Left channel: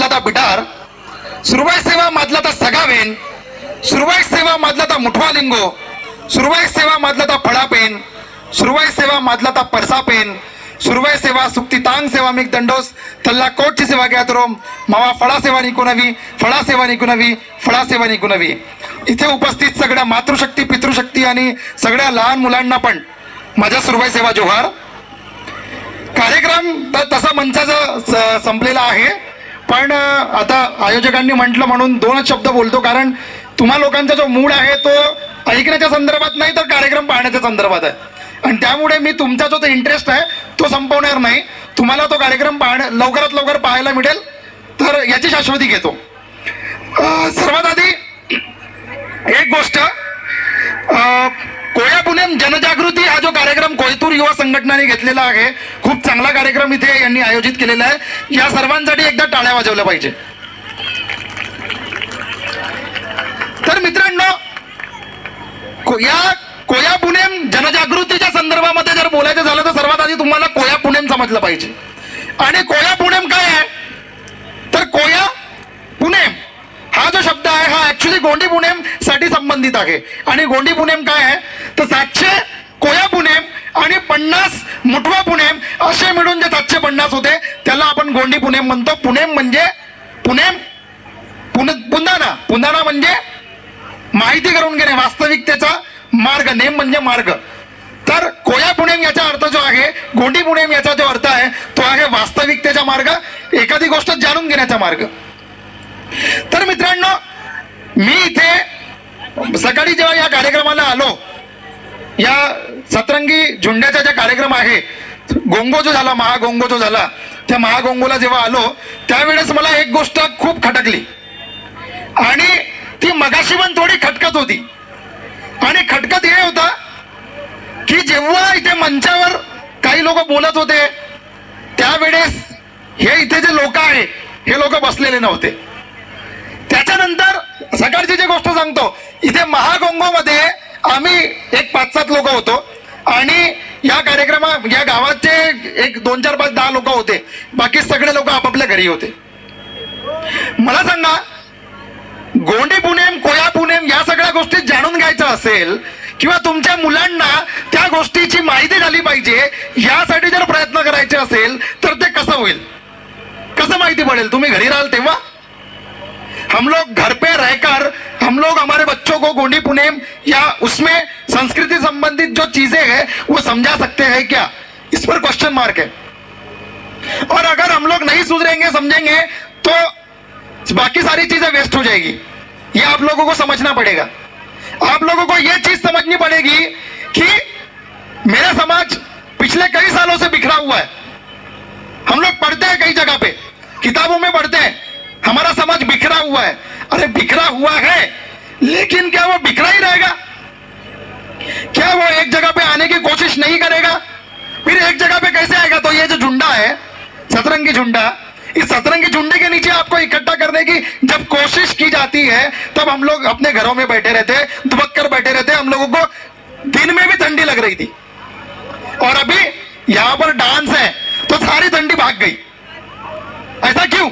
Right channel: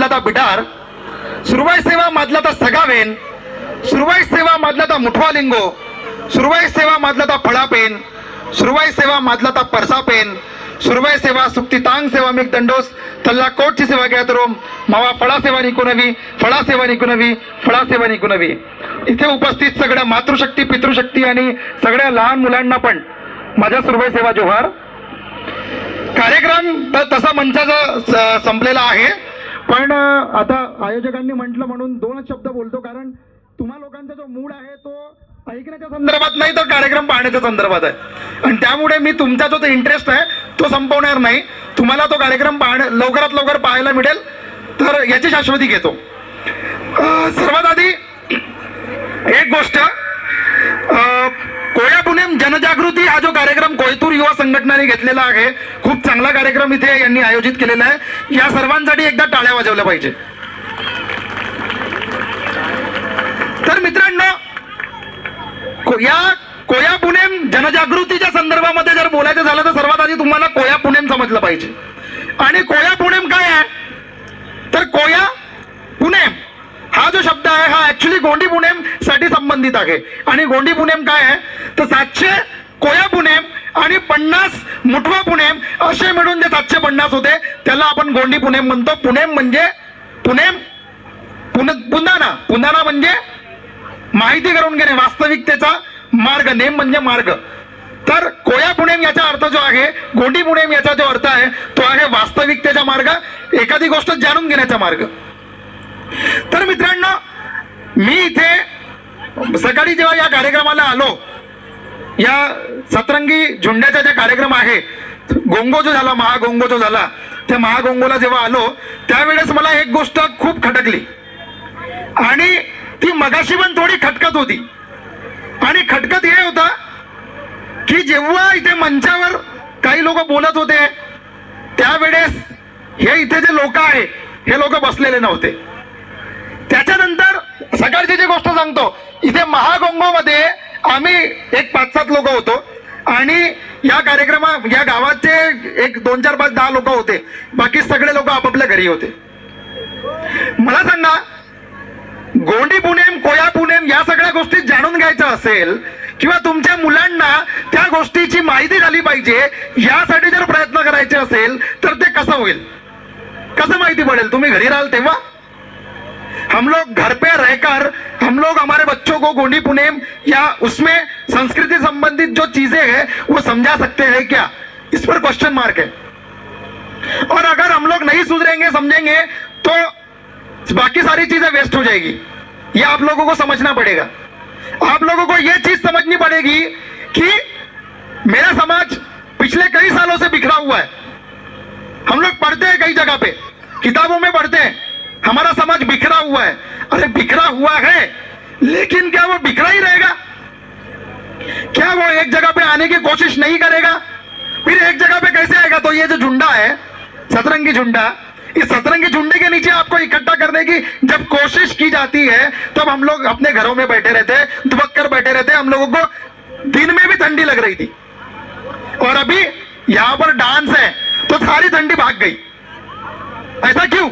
मधला ता बिटार, सुरवाई सेवा मधला ता सगावेन, सुरवाई सेवा मधला ता मुठवा लिंगो, सुरवाई सेवा मधला ता फळापेन, सुरवाई सेवा मधला ता परसापेन, सुरवाई सेवा सुक्ती तांग सेवा मिक दंडोस तल्ला कोटची सेवा घ्यात रोम मावा फळा सेवा निकुनवी, फळा सेवा निकुनवी, फळा सेवा निकुनवी. इथे उपस्थित सगळ्या मातृशक्ती, पितृशक्ती आणि सगळ्या लहान मुलांना पण माझ्या सुरवाई सेवा जोहार. कार्यक्रम तर तसा मंचाचा संपलेला आहे, पण आता आयोजकांनी म्हटलं म्हणून दोनच शब्द बोलतो, कारण तुम्हा लोकांचा जो मूड आहे तो ऐकण्याच्या संदर्भात नाही तर कार्यक्रम पाहण्याच्या संदर्भात आहे, आणि त्यामुळे मी तुमचा जो इंटरेस्ट आहे तो संपवणार नाही. तुम्हाला तो कार्यक्रम लवकरात लवकर पाहायला मिळेल तर याची शाश्वती घेतो. सर्वात आधी एक गोष्ट, कोया पुणेम जनजागृती हा जो कार्यक्रम कोयतूर युवा संघटनेने घेतलेला आहे, खूप चांगला कार्यक्रम इथे यांनी आयोजित केलेला आहे. या सर्वांसाठी एकदा टाळ्या वाजवल्या पाहिजे. तर मित्रांनो, या कोया पुणेम जनजागृतीच्या संदर्भामध्ये जर बोलायचं झालं तर सर्वात आधी तुम्हाला कोया पुणेम समजलं पाहिजे. आणि कोया पुणेम काय आहे, तर कोया पुणेम हा जो शब्द आहे हा ऍक्च्युली गोंडी पुणेम साठी संबंधित आहे. आणि गोंडी पुणेम काय आहे तर 700 कोया पुणेम आणि 50 मुठवा पुणेम असे मिळून जे 750 होते त्याला आपण गोंडी पुणेम म्हणतो. पुणेम म्हणजे पुणेम, पुंदाना, पुंदाना म्हणजे माहिती करून घेणे, वास्तविकतेचा मार्ग, नेम म्हणजे मार्ग. तर कोया पुणेम याचा अर्थ जो आहे, गोंडी पुणेम याचा जो अर्थ आहे तो आहे वास्तविकतेचा मार्ग, एखादी गोष्ट जाणून घेण्याचा मार्ग. तर मित्रांनो, मी इथे सकाळी जेव्हा या कार्यक्रमाला आलो, या सतरंगी झुंड्याचा जो कार्यक्रम आहे, गोंगो जो झाला, महागोंगो जो झाला, त्या महागोंगोला जेव्हा आलो त्यावेळेस मला एक गोष्ट खूप खटकली आणि ती मगाशी पण थोडी खटकत होती. आणि खटकत हे होता की जेव्हा इथे मंचावर काही लोक बोलत होते त्यावेळेस हे इथे जे लोक आहे हे लोक बसलेले नव्हते. त्याच्यानंतर सकाळची जी गोष्ट सांगतो, इथे महागोंगो मध्ये आम्ही एक 5-7 लोक होतो आणि या या गावाचे एक 2-4-5-10 लोक होते, बाकी सगळे लोक आपापल्या घरी होते. मला सांगा, गोंडी पुणेम, कोया पुणेम या सगळ्या गोष्टी जाणून घ्यायचं असेल किंवा तुमच्या मुलांना त्या गोष्टीची माहिती झाली पाहिजे यासाठी जर प्रयत्न करायचे असेल तर ते कसं होईल, कसं माहिती पडेल? तुम्ही घरी राहाल तेव्हा? हम लोग घर पे रहकर हम लोग हमारे बच्चों को गोंडी पुणेम या उसमें संस्कृति संबंधित जो चीजें हैं वो समझा सकते हैं क्या? इस पर क्वेश्चन मार्क है. और अगर हम लोग नहीं सुधरेंगे, समझेंगे तो बाकी सारी चीजें वेस्ट हो जाएगी. ये आप लोगों को समझना पड़ेगा. आप लोगों को ये चीज समझनी पड़ेगी कि मेरा समाज पिछले कई सालों से बिखरा हुआ है. हम लोग पढ़ते हैं कई जगह पे, किताबों में पढ़ते हैं हमारा समाज बिखरा हुआ है. अरे बिखरा हुआ है, लेकिन क्या वो बिखरा ही रहेगा? क्या वो एक जगह पे आने की कोशिश नहीं करेगा? फिर एक जगह पे कैसे आएगा? तो ये जो झुंडा है, सतरंगी झुंडा, इस सतरंगी झुंडे के नीचे आपको इकट्ठा करने की जब कोशिश की जाती है तब हम लोग अपने घरों में बैठे रहते, दुबक कर बैठे रहते. हम लोगों को दिन में भी ठंडी लग रही थी और अभी यहां पर डांस है तो सारी ठंडी भाग गई. ऐसा क्यों?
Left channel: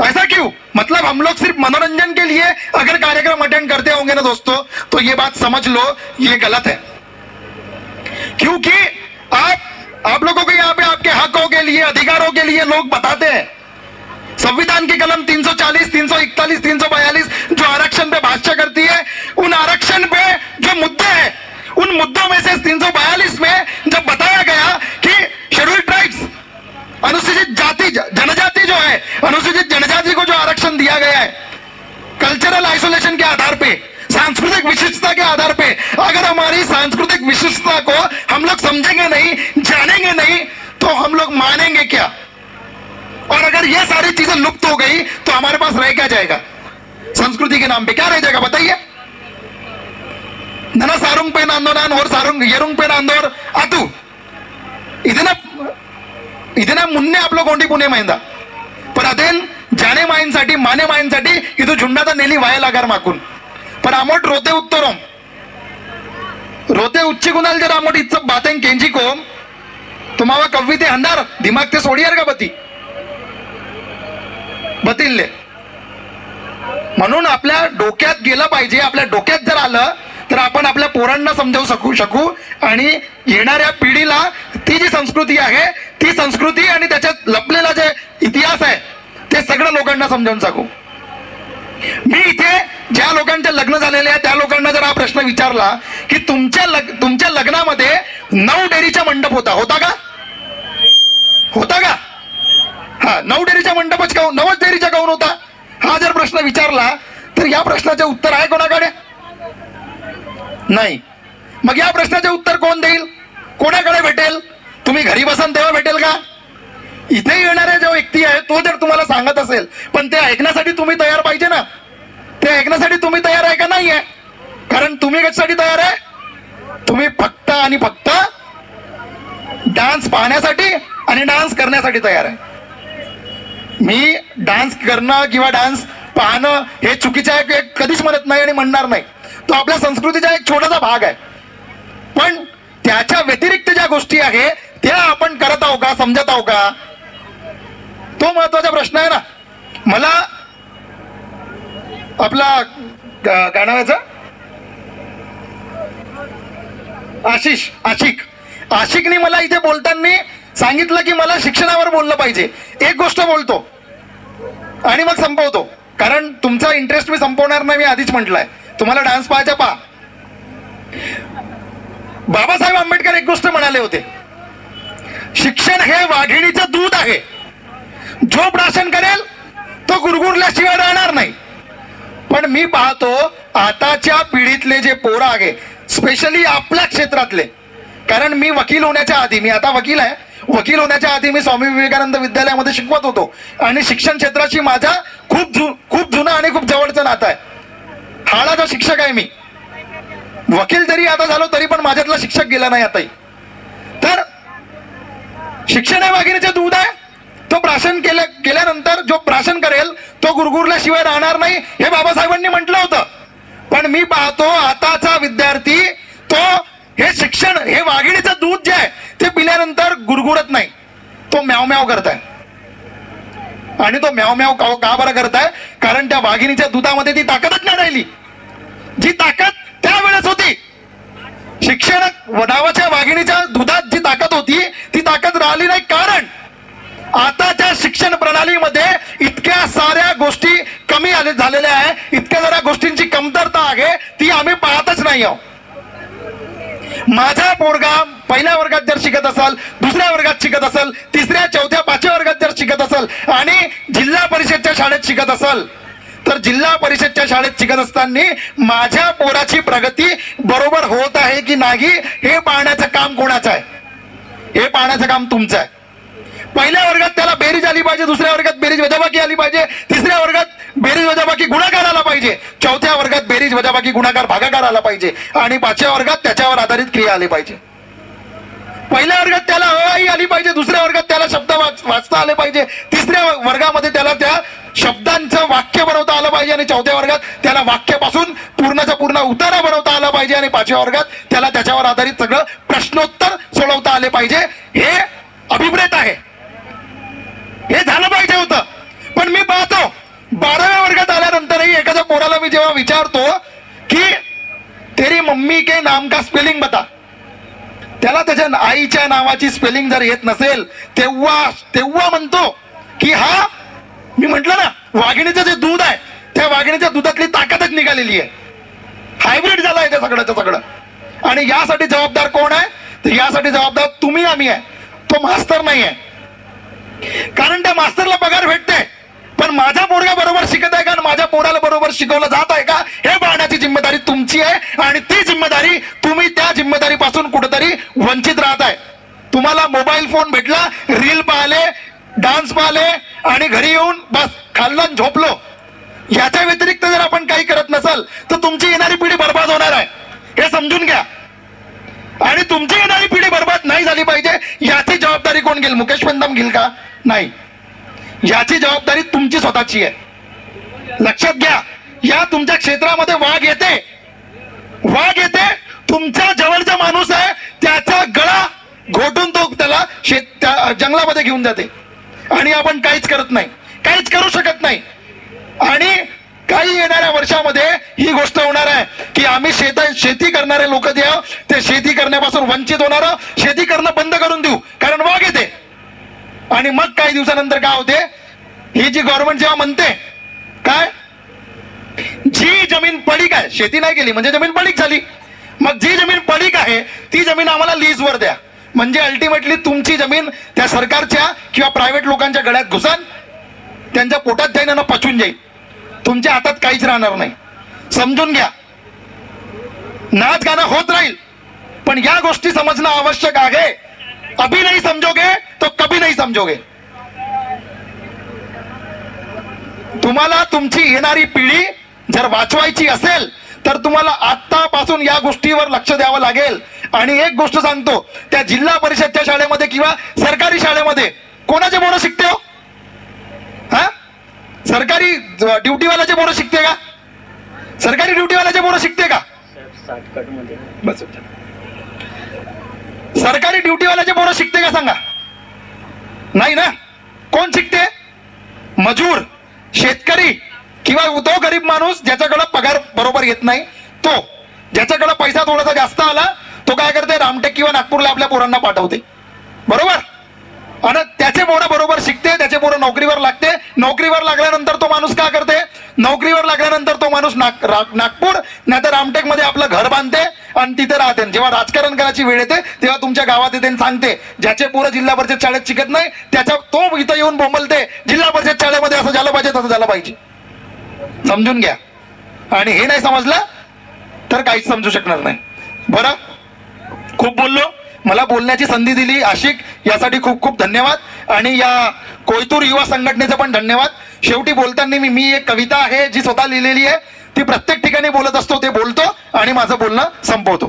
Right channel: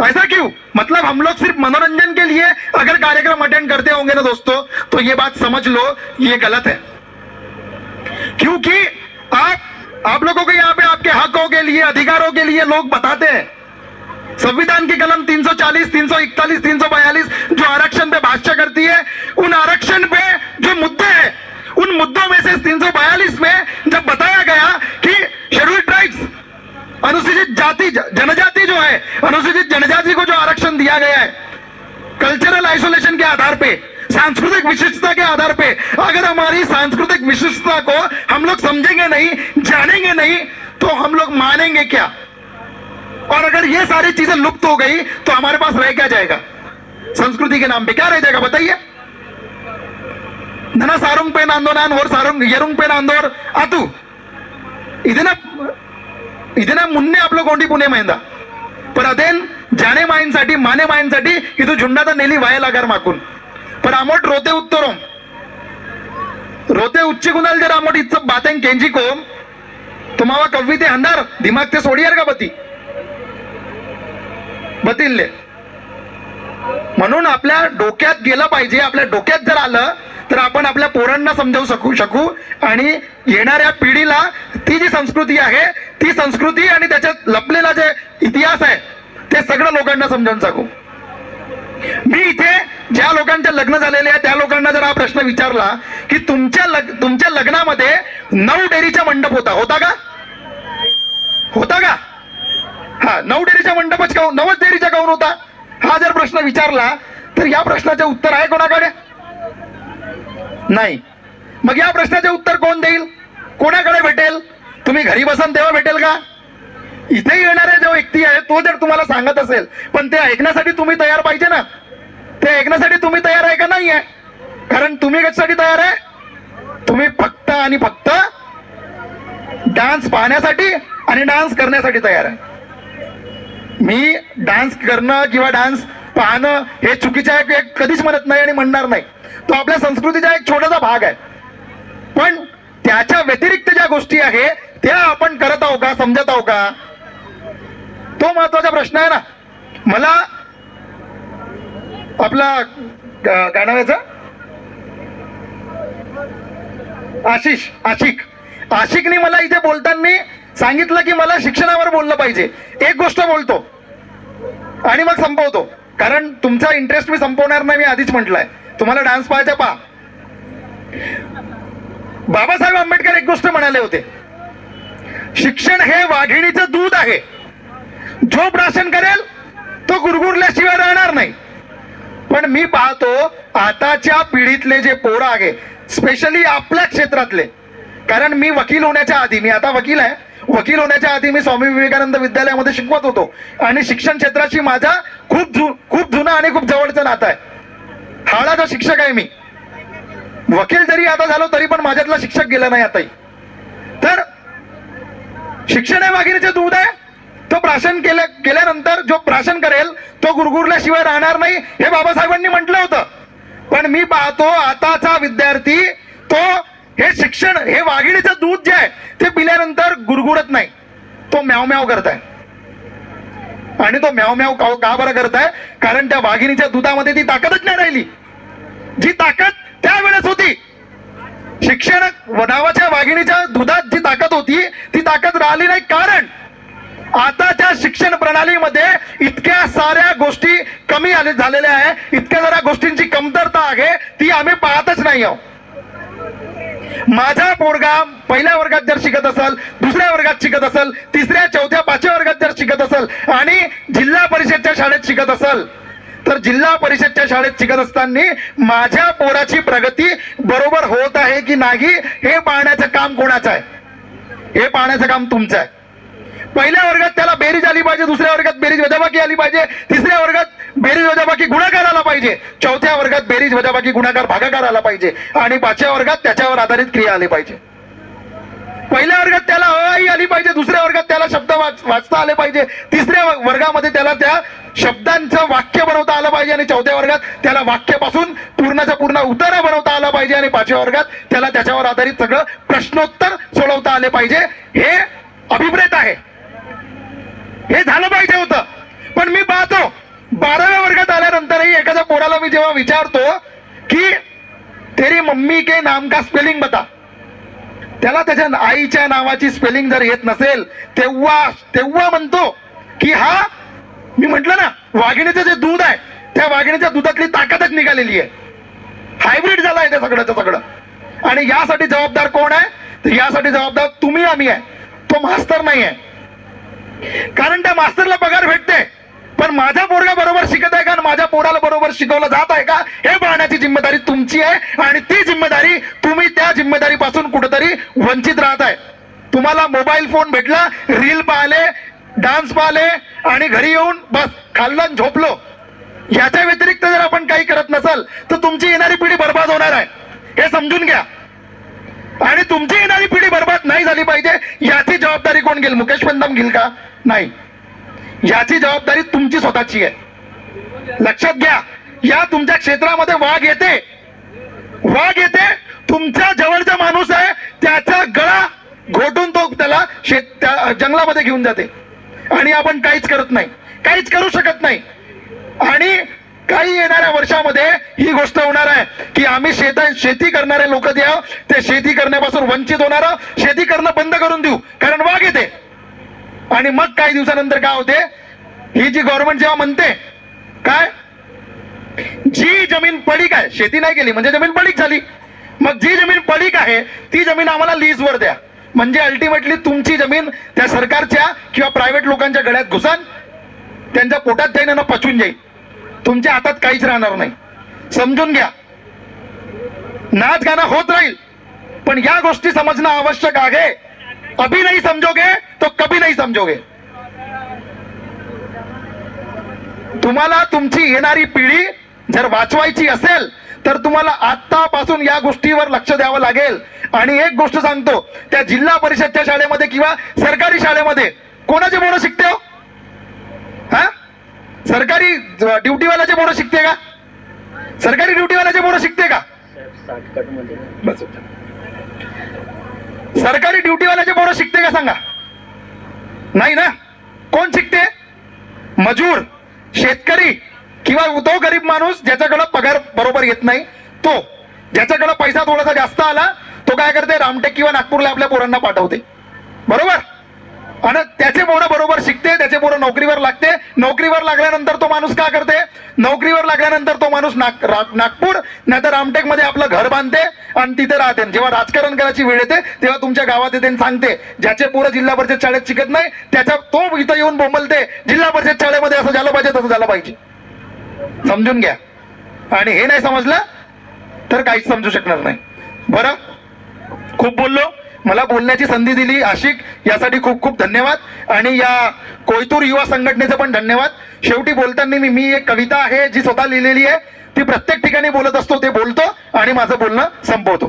ऐसा क्यों? मतलब हम लोग सिर्फ मनोरंजन के लिए अगर कार्यक्रम अटेंड करते होंगे ना दोस्तों, तो ये बात समझ लो ये गलत है. क्योंकि आप लोगों को यहाँ पे आपके हकों के लिए, अधिकारों के लिए लोग बताते हैं. संविधान की कलम 340, 341, 342 जो आरक्षण पे भाष्य करती है, उन आरक्षण पे जो मुद्दे हैं उन मुद्दों में से 342 में जब बताया गया कि शेड्यूल ट्राइब्स, अनुसूचित जाति जनजाति जो है, अनुसूचित जनजाति को जो आरक्षण दिया गया है कल्चरल आइसोलेशन के आधार पे, सांस्कृतिक विशिष्टता के आधार पे, अगर हमारी सांस्कृतिक विशिष्टता को हम लोग समझेंगे नहीं, जानेंगे नहीं, तो हम लोग मानेंगे क्या? और अगर ये सारी चीजें लुप्त हो गई तो हमारे पास रह क्या जाएगा? संस्कृति के नाम पे क्या रह जाएगा बताइए? नना सारुंग पे नांदोनान और सारुंग येरुंग पे नांदोर आतू ಇದನ್ನ ಮುನ್ನೆ आपलो गोंडी पुणे महिंदा पर अदेन जाने मायंसाठी माने मायंसाठी ಇದು झुंडाದ नेली वाया लागार माकून पर आमोट रोते उत्तरोम रोते उच्च गुणाल जर आमोट इच्छा बातें केंजी को तुम्हावा कविते अंधार दिमाग ते सोडियार का बती बतिल्ले. म्हणून आपल्या डोक्यात गेलं पाहिजे. आपल्या डोक्यात जर आलं तर आपण आपल्या पोरांना समजावू शकू आणि येणाऱ्या पिढीला ती जी संस्कृती आहे ती संस्कृती आणि त्याच्यात लपलेला जे इतिहास आहे ते सगळं लोकांना समजावून सांगू. मी इथे ज्या लोकांचे लग्न झालेले आहे त्या लोकांना जर हा प्रश्न विचारला की तुमच्या लग्नामध्ये 9 डेरीचा मंडप होता का? होता का? हा, 9 डेरीचा मंडपच काऊन, 9 डेरीचा काऊन होता, हा जर प्रश्न विचारला तर या प्रश्नाचे उत्तर आहे कोणाकडे? नाही. मग या प्रश्नाचे उत्तर कोण देईल? कोणाकडे भेटेल? तुम्ही घरी बसान तेव्हा भेटेल का? इथे येणारा जो व्यक्ती आहे तो जर तुम्हाला सांगत असेल, पण ते ऐकण्यासाठी तुम्ही तयार पाहिजे ना. ते ऐकण्यासाठी तुम्ही तयार आहे का? नाही आहे. कारण तुम्ही कशासाठी तयार आहे? तुम्ही फक्त आणि फक्त डान्स पाहण्यासाठी आणि डान्स करण्यासाठी तयार आहे. मी डान्स करणं किंवा डान्स पाहणं हे चुकीचं आहे कधीच म्हणत नाही आणि म्हणणार नाही. तो आपल्या संस्कृतीचा एक छोटासा भाग आहे. पण त्याच्या व्यतिरिक्त ज्या गोष्टी आहे त्या आपण करत आहोत का, समजत आहोत का, तो महत्वाचा प्रश्न आहे ना. मला आपला काय नाव याचं, आशिकनी मला इथे बोलताना सांगितलं की मला शिक्षणावर बोललं पाहिजे. एक गोष्ट बोलतो आणि मग संपवतो, कारण तुमचा इंटरेस्ट मी संपवणार नाही. मी आधीच म्हटलंय तुम्हाला डान्स पाहायचा पहा. बाबासाहेब आंबेडकर एक गोष्ट म्हणाले होते, शिक्षण हे वाघिणीचं दूध आहे, जो प्राशन करेल तो गुरगुरल्याशिवाय राहणार नाही. पण मी पाहतो आताच्या पिढीतले जे पोरं आहे, स्पेशली आपल्या क्षेत्रातले, कारण मी वकील होण्याच्या आधी, मी आता वकील आहे, वकील होण्याच्या आधी मी स्वामी विवेकानंद विद्यालयामध्ये शिकवत होतो आणि शिक्षण क्षेत्राशी माझा खूप जुना आणि खूप जवळचं नातं आहे. हाडाचा शिक्षक आहे मी. वकील जरी आता झालो तरी पण माझ्यातला शिक्षक गेला नाही आताही. तर शिक्षण हे वाघिणीचे दूध आहे, तो प्राशन केल्यानंतर जो प्राशन करेल तो गुरगुरल्याशिवाय राहणार नाही, हे बाबासाहेबांनी म्हटलं होतं. पण मी पाहतो आताचा विद्यार्थी तो हे शिक्षण हे वाघिणीचं दूध जे आहे ते पिल्यानंतर गुरगुरत नाही, तो म्याव म्याव करताय. आणि तो म्याव म्याव का बरं करताय? कारण त्या वाघिणीच्या दुधामध्ये ती ताकदच नाही राहिली, जी ताकद त्यावेळेस होती. शिक्षण नावाच्या वाघिणीच्या दुधात जी ताकद होती ती ताकद राहिली नाही. कारण आताच्या शिक्षण प्रणालीमध्ये इतक्या साऱ्या गोष्टी कमी झालेल्या आहे, इतक्या साऱ्या गोष्टींची कमतरता आहे, ती आम्ही पाहतच नाही आहोत. माझा पोरगा पहिल्या वर्गात जर शिकत असेल, दुसऱ्या वर्गात शिकत असेल, तिसऱ्या, चौथ्या, 5व्या वर्गात जर शिकत असेल आणि जिल्हा परिषदच्या शाळेत शिकत असेल, तर जिल्हा परिषदच्या शाळेत शिकत असताना माझ्या पोराची प्रगती बरोबर होत आहे की नाही हे पाहण्याचं काम कोणाचं आहे? हे पाहण्याचं काम तुमचं आहे. पहिल्या वर्गात त्याला बेरीज आली पाहिजे, दुसऱ्या वर्गात बेरीज वजाबाकी आली पाहिजे, तिसऱ्या वर्गात बेरीज वजाबाकी गुणाकार आला पाहिजे, चौथ्या वर्गात बेरीज वजाबाकी गुणाकार भागाकार आला पाहिजे आणि 5व्या वर्गात त्याच्यावर आधारित क्रिया आली पाहिजे. पहिल्या वर्गात त्याला अ आली पाहिजे, दुसऱ्या वर्गात त्याला शब्द वाचता आले पाहिजे, तिसऱ्या वर्गामध्ये त्याला त्या शब्दांचं वाक्य बनवता आलं पाहिजे आणि 4थ्या वर्गात त्याला वाक्यापासून पूर्णच्या पूर्ण उतारा बनवता आला पाहिजे आणि 5व्या वर्गात त्याला त्याच्यावर आधारित सगळं प्रश्नोत्तर सोडवता आले पाहिजे. हे अभिप्रेत आहे, हे झालं पाहिजे होतं. पण मी पाहतो 12व्या वर्गात आल्यानंतरही एखाद्या पोराला मी जेव्हा विचारतो की तेरी मम्मी के नाम का स्पेलिंग बता, त्याला त्याच्या आईच्या नावाची स्पेलिंग जर येत नसेल तेव्हा म्हणतो की हा, मी म्हटलं ना, वाघिणीचं जे दूध आहे त्या वाघिणीच्या दुधातली ताकदच निघालेली आहे, हायब्रिड झाला आहे ते सगळ्याचं सगळं. आणि यासाठी जबाबदार कोण आहे? तर यासाठी जबाबदार तुम्ही आम्ही आहे, तो मास्तर नाही आहे. कारण त्या मास्तरला पगार भेटते, पण माझा पोरगा बरोबर शिकत आहे का, माझ्या पोराला बरोबर शिकवलं जात आहे का, हे पाहण्याची जिम्मेदारी तुमची आहे. आणि ती जिम्मेदारी तुम्ही त्या जिम्मेदारीपासून कुठेतरी वंचित राहत आहे. तुम्हाला मोबाईल फोन भेटला, रील पाहिले, डान्स पाहिले आणि घरी येऊन बस खाल्लं झोपलो, याच्या व्यतिरिक्त जर आपण काही करत नसाल तर तुमची येणारी पिढी बर्बाद होणार आहे, हे समजून घ्या. आणि तुमची येणारी पिढी बर्बाद नाही झाली पाहिजे याची जबाबदारी कोण घेईल? मुकेश पंतम घेईल का? नाही, याची जबाबदारी तुमची स्वतःची आहे. लक्षात घ्या, या तुमच्या क्षेत्रामध्ये वाघ येते, तुमचा जवळचा माणूस आहे त्याचा गळा घोटून तो त्याला जंगलामध्ये घेऊन जाते आणि आपण काहीच करत नाही. काहीच करू शकत नाही. आणि काही येणाऱ्या वर्षामध्ये ही गोष्ट होणार आहे की आम्ही शेती करणारे लोक जे आहोत ते शेती करण्यापासून वंचित होणार, शेती करणं बंद करून देऊ, कारण वाघ येते. आणि मग काही दिवसानंतर काय होते, ही जी गव्हर्नमेंट जेव्हा म्हणते काय, जी जमीन पडीक आहे, शेती नाही केली म्हणजे जमीन पडीक झाली, मग जी जमीन पडीक आहे ती जमीन आम्हाला लीजवर द्या, म्हणजे अल्टिमेटली तुमची जमीन त्या सरकारच्या किंवा प्रायव्हेट लोकांच्या गळ्यात घुसन, त्यांच्या पोटात जाईन आणि पचून जाईल, तुमच्या हातात काहीच राहणार नाही. समजून घ्या. नाच गाणं होत राहील, पण या गोष्टी समजणं आवश्यक आहे. अभी नहीं समजोगे तो कभी नहीं समजोगे. तुम्हाला तुमची येणारी पिढी जर वाचवायची असेल तर तुम्हाला आतापासून या गोष्टीवर लक्ष द्यावं लागेल. आणि एक गोष्ट सांगतो, त्या जिल्हा परिषदच्या शाळेमध्ये किंवा सरकारी शाळेमध्ये कोणाचे पोरं शिकते हो? हा, सरकारी ड्युटीवाल्याचे पोरं शिकते का? सरकारी ड्युटीवाल्याचे पोरं शिकते का? बस, सरकारी ड्युटीवाल्याचे पोरं शिकते का सांगा? नाही ना. कोण शिकते? मजूर, शेतकरी किंवा तो गरीब माणूस ज्याच्याकडे पगार बरोबर येत नाही, तो ज्याच्याकडे पैसा थोडासा जास्त आला तो काय करते, रामटेक किंवा नागपूरला आपल्या पोरांना पाठवते, बरोबर. आणि त्याचे पोरं बरोबर शिकते, त्याचे पोरं नोकरीवर लागते. नोकरीवर लागल्यानंतर तो माणूस काय करते, नोकरीवर लागल्यानंतर तो माणूस नागपूर नाही तर रामटेक मध्ये आपलं घर बांधते आणि तिथे राहते. जेव्हा राजकारण करायची वेळ येते तेव्हा तुमच्या गावात येते सांगते, ज्याचे पोरं जिल्हा परिषद शाळेत शिकत नाही त्याच्या तो इथं येऊन बोंबलते, जिल्हा परिषद शाळेमध्ये असं झालं पाहिजे तसं झालं पाहिजे. समजून घ्या. आणि हे नाही समजलं तर काहीच समजू शकणार नाही. बरं, खूप बोललो, मला बोलण्याची संधी दिली आशिक, यासाठी खूप खूप धन्यवाद. आणि या कोयतूर युवा संघटनेचं पण धन्यवाद. शेवटी बोलताना मी एक कविता आहे जी स्वतः लिहिलेली आहे, ती प्रत्येक ठिकाणी बोलत असतो, ते बोलतो आणि माझं बोलणं संपवतो.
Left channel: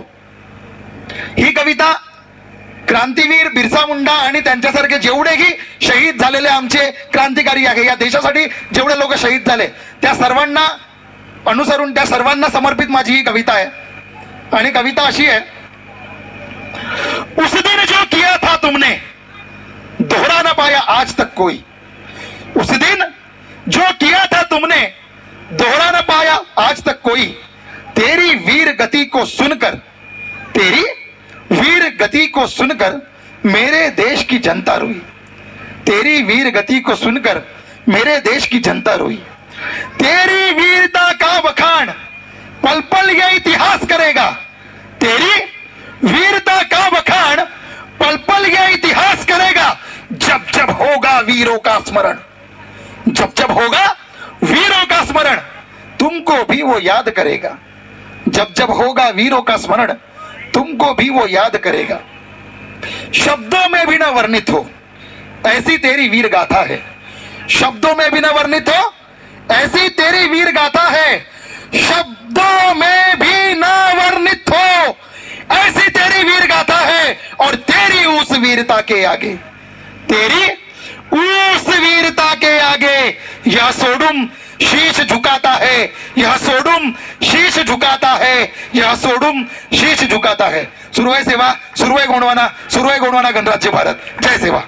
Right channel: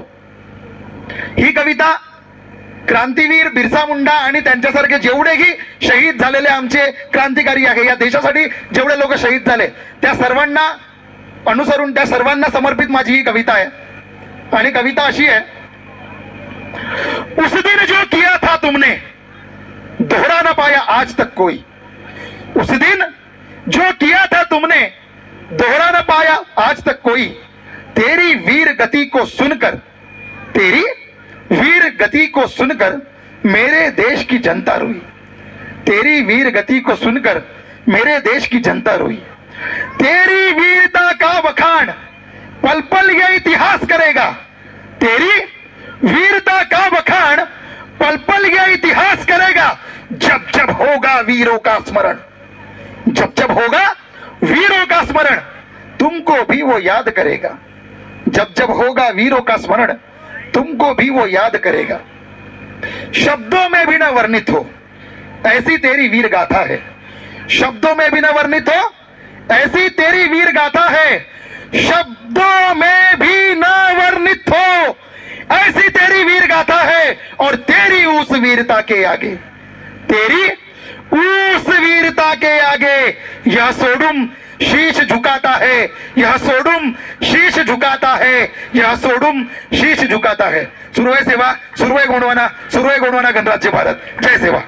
ही कविता क्रांतीवीर बिरसा मुंडा आणि त्यांच्यासारखे जेवढेही शहीद झालेले आमचे क्रांतिकारी आहे, या देशासाठी जेवढे लोक शहीद झाले त्या सर्वांना अनुसरून, त्या सर्वांना समर्पित माझी ही कविता आहे. आणि कविता अशी आहे, उस दिन जो किया था तुमने दोहरा ना पाया आज तक कोई. उस दिन जो किया था तुमने दोहरा न पाया आज तक कोई. तेरी वीर गति को सुनकर, तेरी वीर गति को सुनकर मेरे देश की जनता रोई. तेरी वीर गति को सुनकर मेरे देश की जनता रोई. तेरी वीरता का बखान पल पल ये इतिहास करेगा. तेरी वीरता का बखान पल पल ये इतिहास करेगा. जब जब होगा वीरों का स्मरण, जब जब होगा वीरों का स्मरण तुमको भी वो याद करेगा. जब जब होगा वीरों का स्मरण तुमको भी वो याद करेगा. शब्दों में भी न वर्णित हो ऐसी तेरी वीर गाथा है. शब्दों में भी न वर्णित हो ऐसी तेरी वीर गाथा है. शब्दों में भी न वर्णित हो ऐसी तेरी वीर गाथा है. और तेरी उस वीरता के आगे, तेरी उस वीरता के आगे यह सोडूम शीश झुकाता है. यह सोडूम शीश झुकाता है. यह सोडूम शीश झुकाता है. सुरू आहे सेवा, सुरू आहे गोंडवाना, सुरू आहे गोंडवाना गणराज्य भारत. जय सेवा.